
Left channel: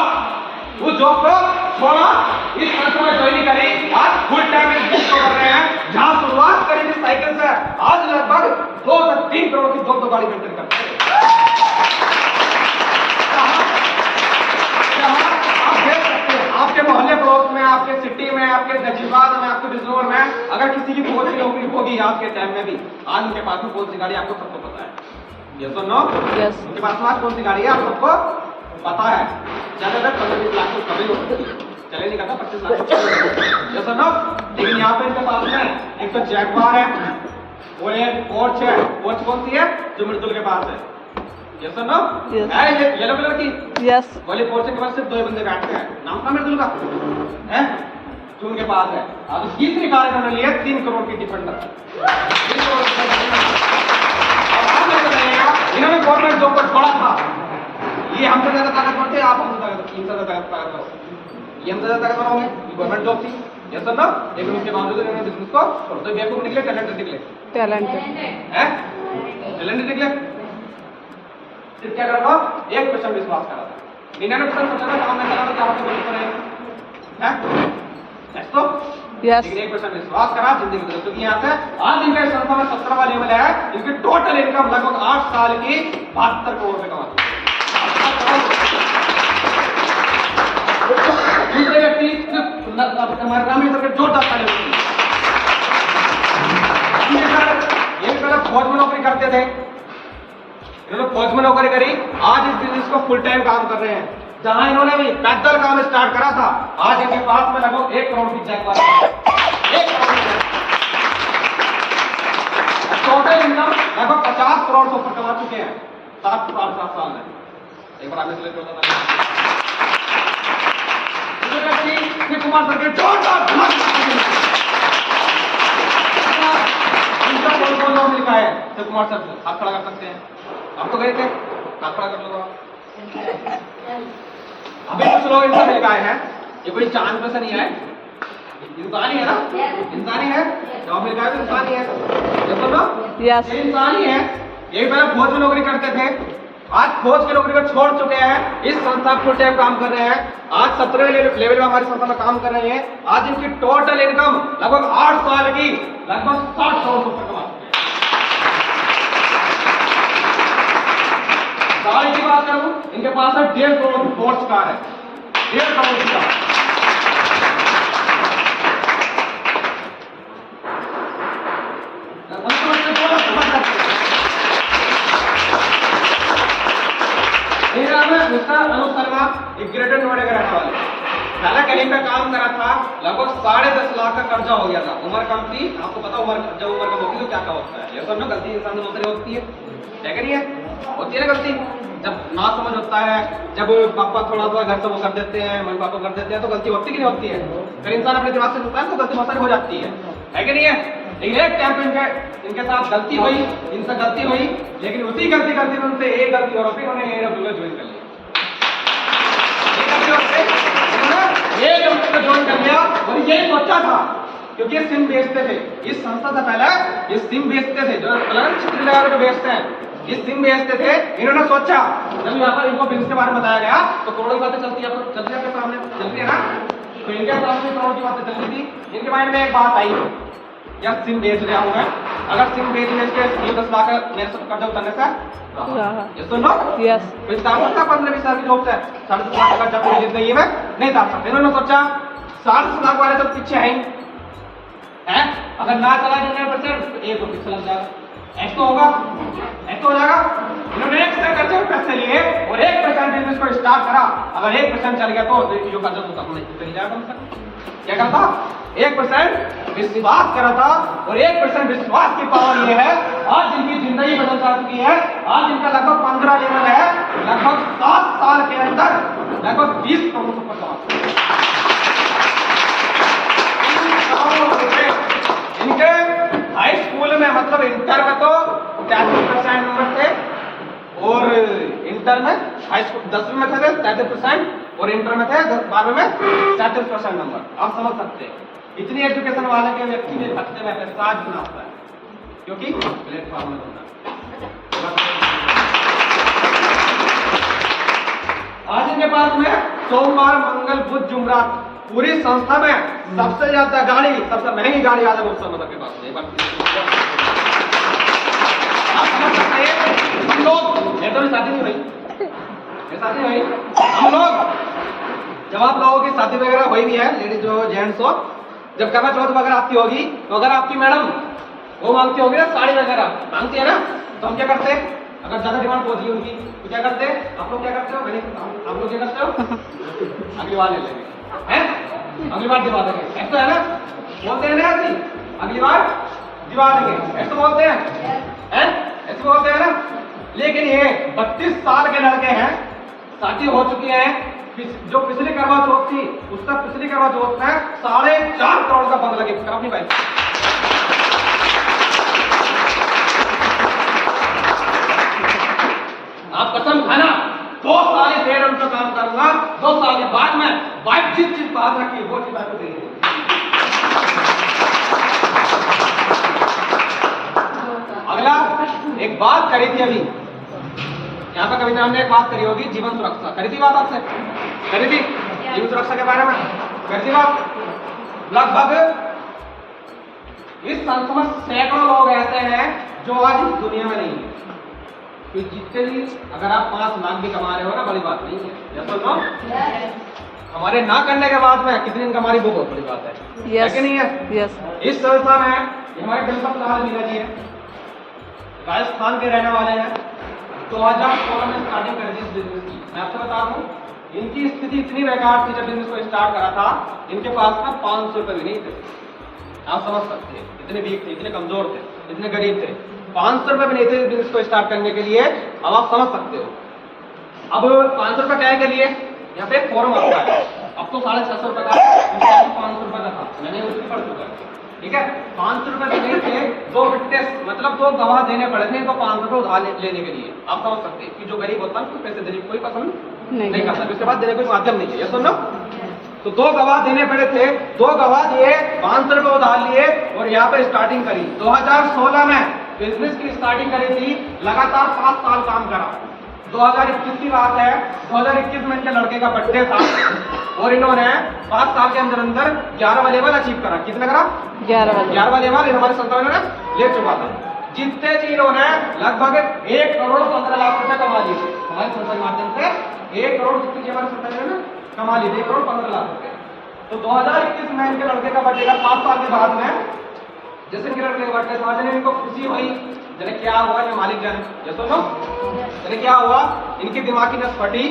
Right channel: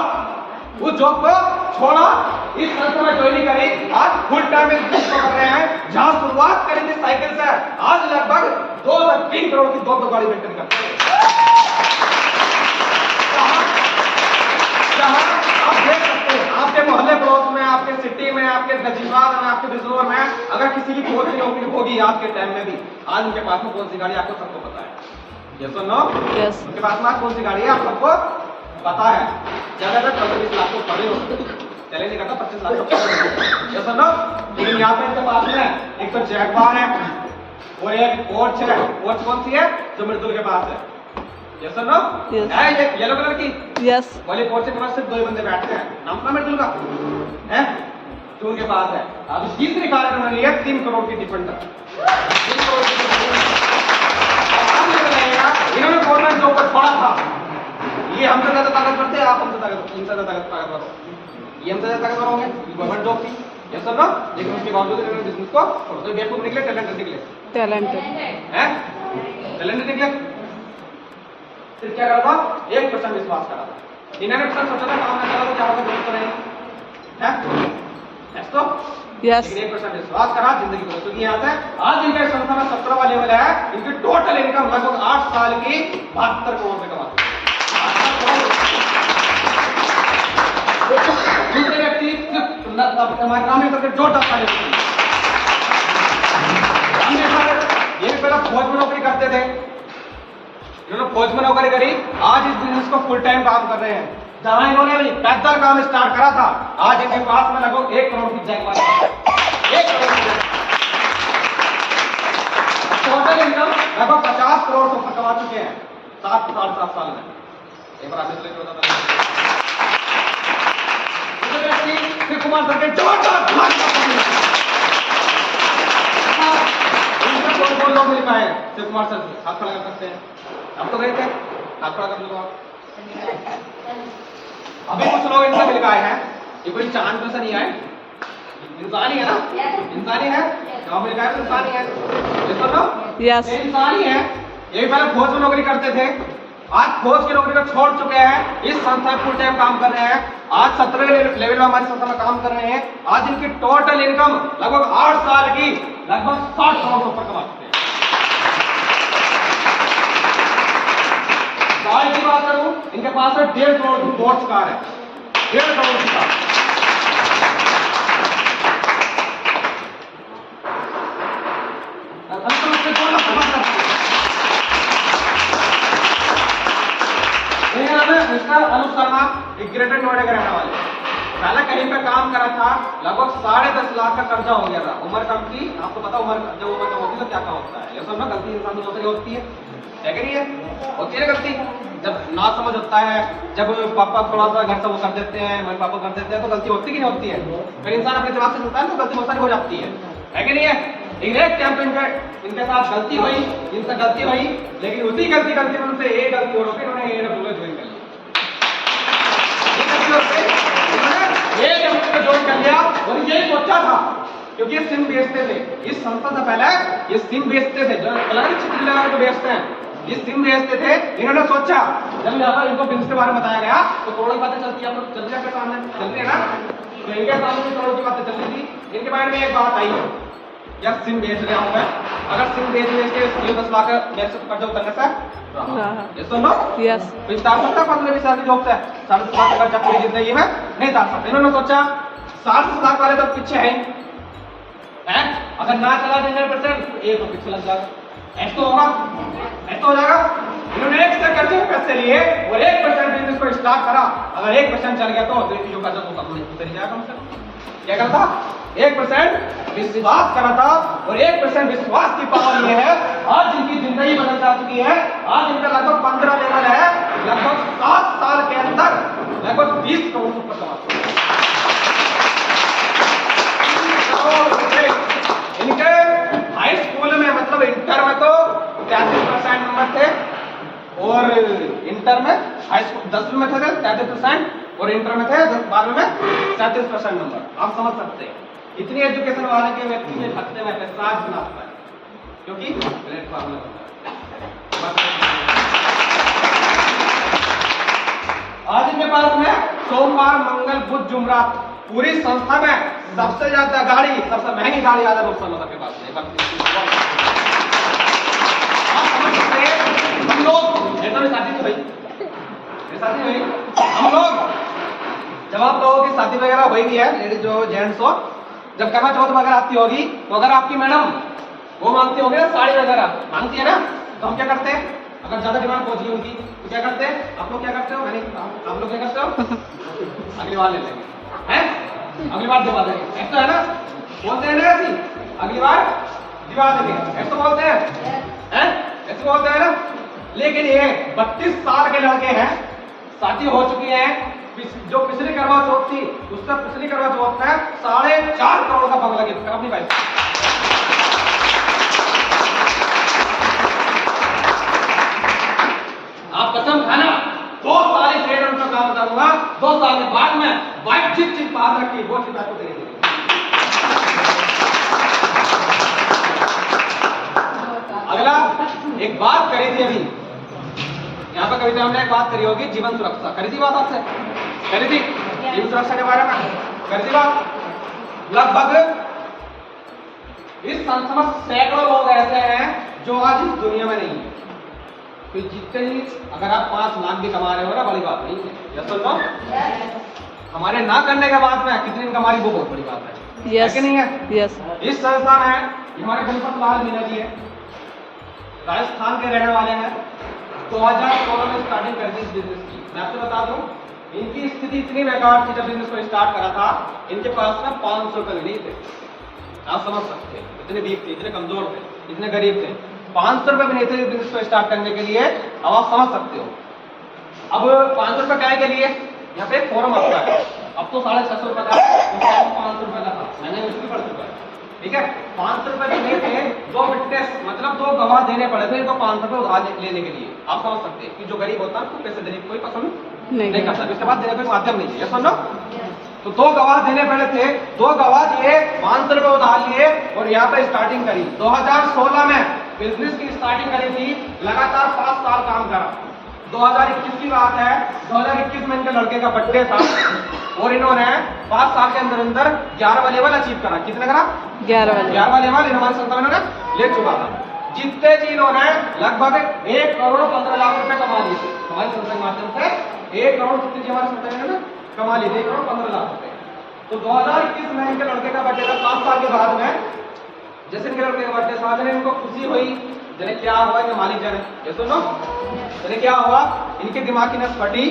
वो जॉब को छोड़ा, इस संस्था में ज्वाइन करी, आज फुल टाइम में जॉब कर रहे हैं। जहां शुरुआत करी थी साइकिल से, आज लगभग 2 से 3 करोड़ की 2 गाड़ी मेंटेन करते हैं। आप देख सकते हैं, आपके मोहल्ले पड़ोस में, आपके सिटी में, आपके गजीबाद में, आपके बिजनौर में, अगर किसी की फौज की नौकरी होगी आज के टाइम में भी, आज उनके पास में कौन सी गाड़ी आपको सबको पता है। यस और नो? यस। उनके पास में आज कौन सी गाड़ी है आप सबको पता है। ज्यादातर 25 लाख को कभी हो सकती है, चले नहीं करता 25 लाख को। यस और नो? लेकिन यहाँ पे इनके पास में एक तो जैगवार है, वो एक पोर्च है। पोर्च कौन सी है? जो मृदुल के पास है। यस और नो? Yes. है ये येलो कलर की यस। वाली पोर्च के पास सिर्फ 2 बंदे बैठते हैं। नाम था मृदुल का है, जो उनके पास है। अब तीसरी कार इन्होंने लिया 3 करोड़ की डिफेंडर। 3 करोड़ इन्होंने गवर्नमेंट जॉब को छोड़ा था। ये हमसे ज्यादा ताकतवर थे, आप हमसे ताकतवर हो। ये हमसे ज्यादा ताकतवर होंगे, गवर्नमेंट जॉब थी। यस और नो? लेकिन उसके बावजूद इन्होंने बिजनेस को छोड़ दिया। बेवकूफ निकले, टैलेंटेड निकले टैलेंटेड। हैं, टैलेंटेड निकले। फिर क्या करा था? 1% विश्वास करा था। 99% सोचा था काम में चला तो क्या होगा, कोई तो नहीं है। नेक्स्ट तो यस। लेकिन 1% विश्वास करा, जिंदगी बदल चुकी। यहाँ से आज इनका संस्था में 17वां लेवल है। इनकी टोटल इनकम लगभग 8 साल की 72 करोड़ रुपए कमाती है। दूसरे व्यक्ति हमारे नाम ही करके जो 10 साल ये भी पहले फौज में नौकरी करते थे, इन्होंने फौज में नौकरी करी, आज इस बिजनेस को फुल टाइम काम कर रहे हैं। जहां इन्होंने भी पैदल काम स्टार्ट करा था, आज इनके पास में लगभग 1 करोड़ की जैकपॉट है। 1 करोड़ टोटल इनकम लगभग 50 करोड़ से कमा चुके हैं 7 साल में। एक बार आपने शिव कुमार सर के जोरदार कौन लोग मिल पाए शिव कुमार सर से? हाथ खड़ा कर सकते हैं, आप तो गए थे, हाथ खड़ा कर लो। अभी कुछ लोग इनसे मिल पाए हैं, ये कोई चांद पे से नहीं आए, इंसान ही है ना, इंसान ही है। तो मिल गए तो इंसान ही है। देखो ना, यस। ये इंसान ही है। ये पहले फौज में नौकरी करते थे, आज फौज की नौकरी को छोड़ चुके हैं, इस संस्था फुल टाइम काम कर रहे हैं। आज 17वें लेवल में हमारी संस्था में काम कर रहे हैं। आज इनकी टोटल इनकम लगभग 8 साल की लगभग 60 करोड़ से ऊपर कमा चुके हैं। कार की बात करूं, इनके पास है 1.5 करोड़ की पोर्च कार है, 1.5 करोड़ की कार। अनुप शर्मा एक ग्रेटर नोएडा का रहने वाला, पहला कहीं पे काम करा था, लगभग 10.5 लाख का कर्जा हो गया था। उम्र कम थी, आपको पता उम्र जब उम्र कम होती है तो क्या क्या होता है। ये सब ना गलती इंसान से बहुत होती है, क्या करिए होती है ना गलती। जब ना समझ होता है, जब पापा थोड़ा सा घर से वो कर देते हैं, मम्मी पापा कर देते हैं, तो गलती होती कि नहीं होती है। फिर इंसान अपने दिमाग से चलता है तो गलती बहुत सारी हो जाती है कि नहीं है। लेकिन एक टाइम पे इनके साथ गलती हुई, इनसे गलती हुई, लेकिन उसी गलती में उनसे एक गलती और फिर उन्हें ज्वाइन कर लिया। ये ज्वाइन कर लिया और यही सोचा था, क्योंकि ये सिम बेचते थे। इस संस्था से पहले ये सिम बेचते थे, जो अलग क्षेत्र में बेचते हैं, ये सिम बेचते थे। इन्होंने सोचा, जब यहाँ पर इनको बिजनेस के बारे में बताया गया तो करोड़ों की बातें चलती है, चल रही है सामने, चल रही है ना, तो इनके सामने करोड़ की बातें चल रही थी। इनके माइंड में एक बात आई, या सिम बेच रहा हूँ मैं, अगर सिम बेचने के 10 लाख मेरे से कर्जा उतरने से यस। तो तार सकते हैं 15-20 साल के लोग से 40 लाख का कर्जा पूरी जिंदगी में नहीं तार सकते। इन्होंने सोचा 60 लाख वाले तो पीछे हैं, अगर ना चला 1% एक और पीछे लग जाएगा, ऐसा होगा, ऐसा हो जाएगा। इन्होंने 1 से कर्जे पैसे लिए और 1% बिजनेस को स्टार्ट करा। अगर 1% चल गया तो जो कर्जा तो उतर जाएगा कम से कम। क्या करता? 1% विश्वास करा था और 1% विश्वास की पावर ये है, आज इनकी जिंदगी बदल जा चुकी है। आज इनका लगभग 15 लेवल है, लगभग 7 साल के अंदर लगभग 20 करोड़ ऊपर कमा। इनके हाई स्कूल में मतलब इंटर में तो 83% नंबर थे, और इंटर में हाई स्कूल 10वीं में थे 33% और इंटर में थे 12वीं में 37% नंबर। आप समझ सकते हैं इतनी एजुकेशन वाले के व्यक्ति ने भटकते में 7 गुना आता है, क्योंकि प्लेटफॉर्म में होता है। आज इनके पास में सोमवार, मंगल, बुध, जुमरात पूरी संस्था में सबसे ज्यादा गाड़ी, सबसे महंगी गाड़ी आज लोग समझ के पास है। आप समझ सकते हैं हम लोग शादी नहीं हुई, शादी हुई हम लोग जब आप लोगों की शादी वगैरह हुई भी है, लेडीज जो जेंट्स हो, जब करवा चौथ वगैरह आती होगी तो अगर आपकी मैडम वो मांगती होगी ना साड़ी वगैरह मांगती है ना, तो हम क्या करते हैं? अगर ज्यादा डिमांड पहुंच गई उनकी तो क्या करते हैं? आप लोग क्या करते हो? आप लोग क्या करते हो? अगली बार ले लेंगे, हैं? अगली बार दिवा देंगे, ऐसा है ना? बोलते हैं ना ऐसी, अगली बार दिवा देंगे, ऐसा बोलते हैं, हैं? ऐसे बोलते हैं ना? लेकिन ये 32 साल के लड़के हैं, शादी हो चुकी है, जो पिछली करवा चौथ थी उससे पिछली करवा चौथ में 4.5 करोड़ का बंगला गिफ्ट करा अपनी भाई। आप कसम खाना 2 साल से उनका काम करूंगा, 2 साल के बाद में वाइफ जिस बात रखी वो चीज आपको देंगे। अगला एक बात करी थी अभी यहाँ पर कविता हमने एक बात करी होगी, जीवन सुरक्षा करी थी बात आपसे, करी थी जीवन सुरक्षा के बारे में करी थी बात। लगभग इस संस्था में सैकड़ों लोग ऐसे हैं जो आज इस दुनिया में नहीं है, कि जितने भी अगर आप 5 लाख भी कमा रहे हो ना, बड़ी बात नहीं है, यस और नो? हमारे ना करने के बाद में कितनी इनकम हमारी वो बहुत बड़ी बात है, यस कि नहीं है? यस। इस संस्था में हमारे गणपत लाल मीना जी है, राजस्थान के रहने वाले हैं, 2016 में स्टार्टिंग करी थी इस बिजनेस की। मैं आपसे बता दूं इनकी स्थिति इतनी बेकार थी, जब बिजनेस को स्टार्ट करा था इनके पास में 500 रुपए भी नहीं थे। आप समझ सकते हैं इतने वीक थे, इतने कमजोर थे, इतने गरीब थे, 500 रुपए भी नहीं थे बिजनेस को स्टार्ट करने के लिए। अब आप समझ सकते हो अब 500 रुपए क्या के लिए यहाँ पे एक फॉर्म आता है, अब तो 650 रुपए का, 500 रुपए का था, मैंने उसकी पढ़ चुका है, ठीक है। 500 रुपए देने के 2 विटनेस मतलब 2 गवाह देने पड़े थे इनको 500 रुपए उधार लेने के लिए। आप समझ सकते हैं कि जो गरीब होता है उसको पैसे देने की कोई पसंद नहीं करता, उसके बाद देने कोई माध्यम नहीं चाहिए, सुन लो। तो 2 गवाह देने पड़े थे, 2 गवाह दिए, 500 रुपए उधार लिए और यहाँ पे स्टार्टिंग करी। 2016 में बिजनेस की स्टार्टिंग करी थी, लगातार 5 साल काम करा। 2021 की बात है, 2021 में इनके लड़के का बर्थडे था और इन्होंने 5 साल के अंदर अंदर 11वां लेवल अचीव करा। कितना करा? 11वां लेवल हमारे संस्था ने ले चुका था। जितने जी इन्होंने लगभग 1 करोड़ 15 लाख रुपए कमा लिए थे हमारी संस्था के माध्यम से। 1 करोड़ जितने की हमारी संस्था ने कमा लिए थे, 1 करोड़ 15 लाख रुपए। तो 2021 में इनके लड़के का बर्थडे था, 7 साल के बाद में जैसे इनके लड़के का बर्थडे समझ में इनको खुशी हुई, जने क्या हुआ ये मालिक जाने, ये सुनो जने क्या हुआ, इनके दिमाग की नस फटी,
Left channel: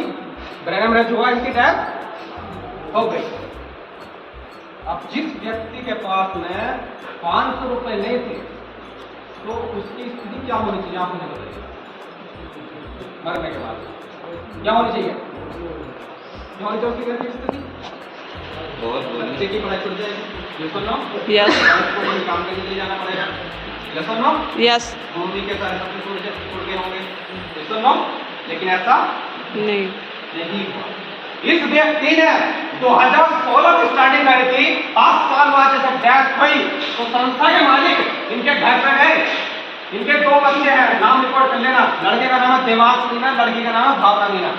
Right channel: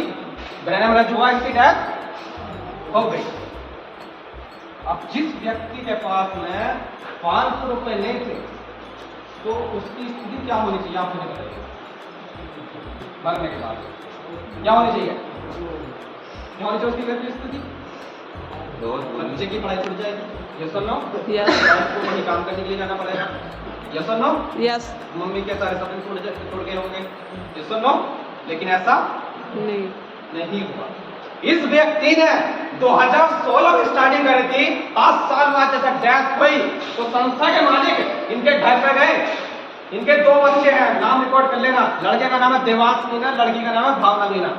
ब्रेन हेमरेज हुआ, इनकी डेथ हो गई। अब जिस व्यक्ति के पास में 500 रुपए नहीं थे तो उसकी स्थिति क्या होनी चाहिए आप मुझे बताइए? मरने के बाद क्या होनी चाहिए? क्या होनी चाहिए उसकी स्थिति? बच्चे की पढ़ाई छूट जाएगी, ये सुन लो, यस काम करने के लिए जाना पड़ेगा, ये सुन लो, यस। मम्मी के सारे सपने छूट गए होंगे, ये सुन लो। लेकिन ऐसा नहीं हुआ। इस व्यक्ति ने 2016 में स्टार्टिंग करी थी, 5 साल बाद जब डेथ हुई तो संस्था के मालिक इनके घर पे गए। इनके 2 बच्चे हैं, नाम रिकॉर्ड कर लेना, लड़के का नाम है देवांश मीना, लड़की का नाम है भावना मीना।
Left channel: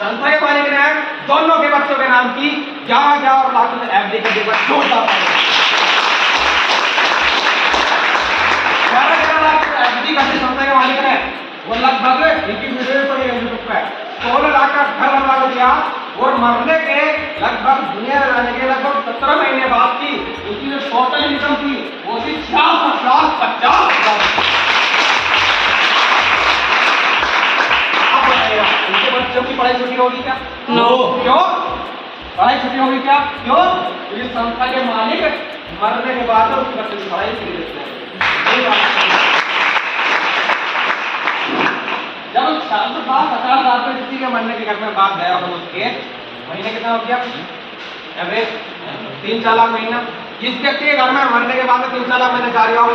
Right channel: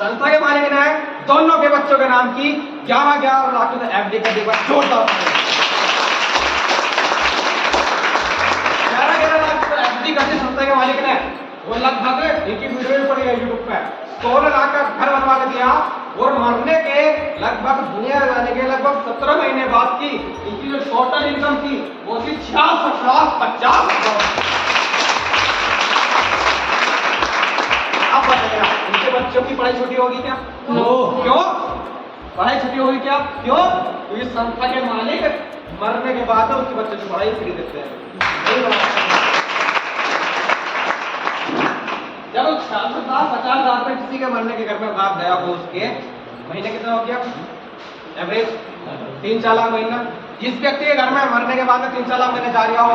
संस्था के मालिक ने दोनों के बच्चों के नाम की 11 लाख में एफडी का डिपॉजिट जोड़ता था। 11 लाख एफडी करती संस्था के मालिक ने, वो लगभग इनकी वीडियो पड़ी है यूट्यूब पे, 16 लाख का घर बनवा दिया और मरने के लगभग दुनिया में जाने के लगभग 17 महीने बाद की इनकी जो टोटल इनकम थी वो थी 66,50,000। आप बताइए इनके बच्चों की पढ़ाई छुट्टी होगी क्या? नो। क्यों पढ़ाई छुट्टी होगी क्या? क्यों? इस संस्था के मालिक मरने के बाद उस बच्चे की पढ़ाई फ्री देते हैं। जब 50,000 रुपए किसी के मरने के घर में बात गया हो, उसके महीने कितना हो गया एवरेज? 3-4 लाख महीना। जिस व्यक्ति के घर में मरने के बाद 3-4 लाख महीने जा रहा हो